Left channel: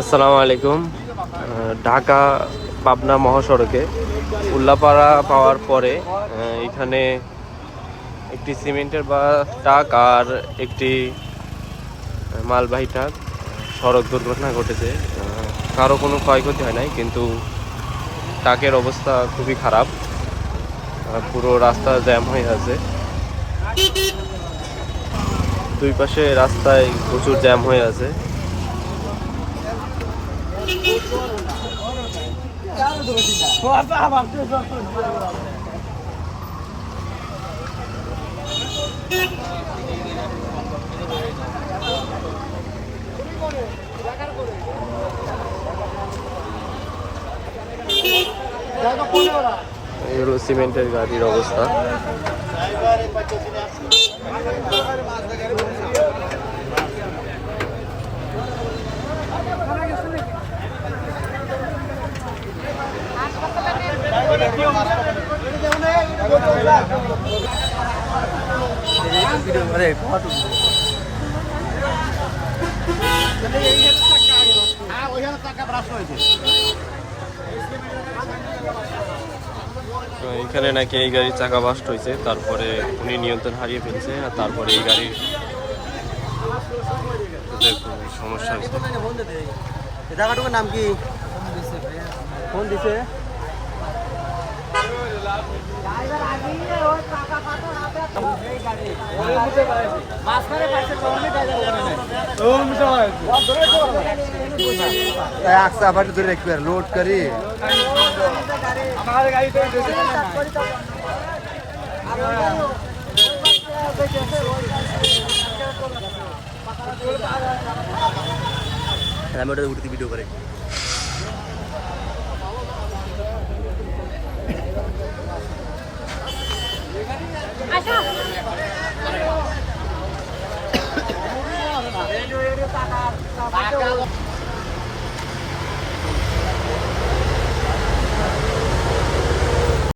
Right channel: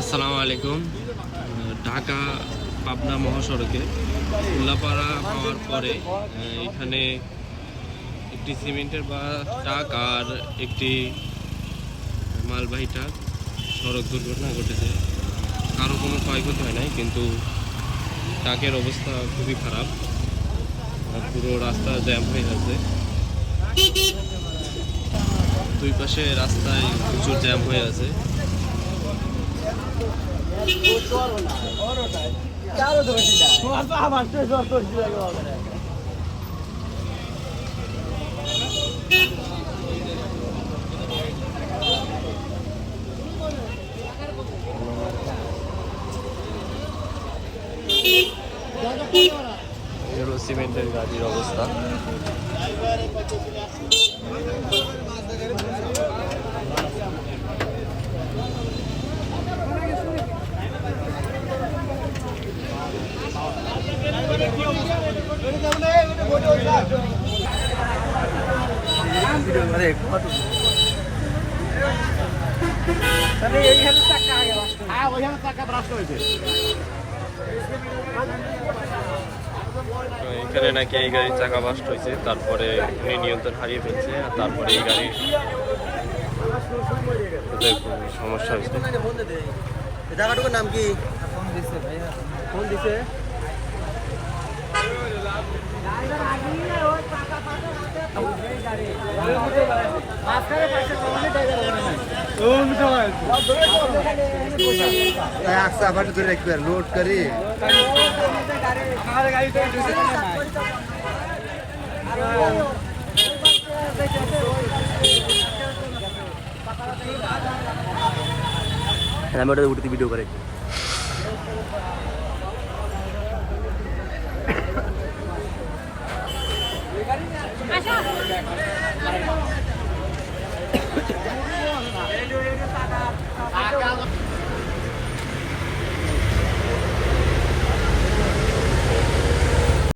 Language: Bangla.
আসসালামু আলাইকুম। ঢাকা পাবনা মহাসড়কে উল্লাপাড়া পাওয়ার পরে এখানে একটি সিমেন্টের বা ট্রাক আর একটি মালবাহী ট্রাক, সড়ক দুর্ঘটনা ঘটেছে। কারও কোনো ক্ষয়ক্ষতি হয় নাই, কিন্তু ট্রাকের অবস্থা খুবই খারাপ। পুরো রাস্তা জ্যাম হয়ে আছে। দুই পাশে রাস্তায় প্রচুর জ্যাম হয়ে আছে। এই হলো সিমেন্টের গাড়ির অবস্থা। তো এখানে নাকি এই গাড়ির চাকা বাস্ট হয়েছে তারপরে উনি নিয়ন্ত্রণ হারিয়ে ফেলছে আর তারপরে এই গাড়ির সমস্যা হয়েছে। নাম কি? ফোন দিছে? আবার কি লোড করি উঠতে ভিডিও করে।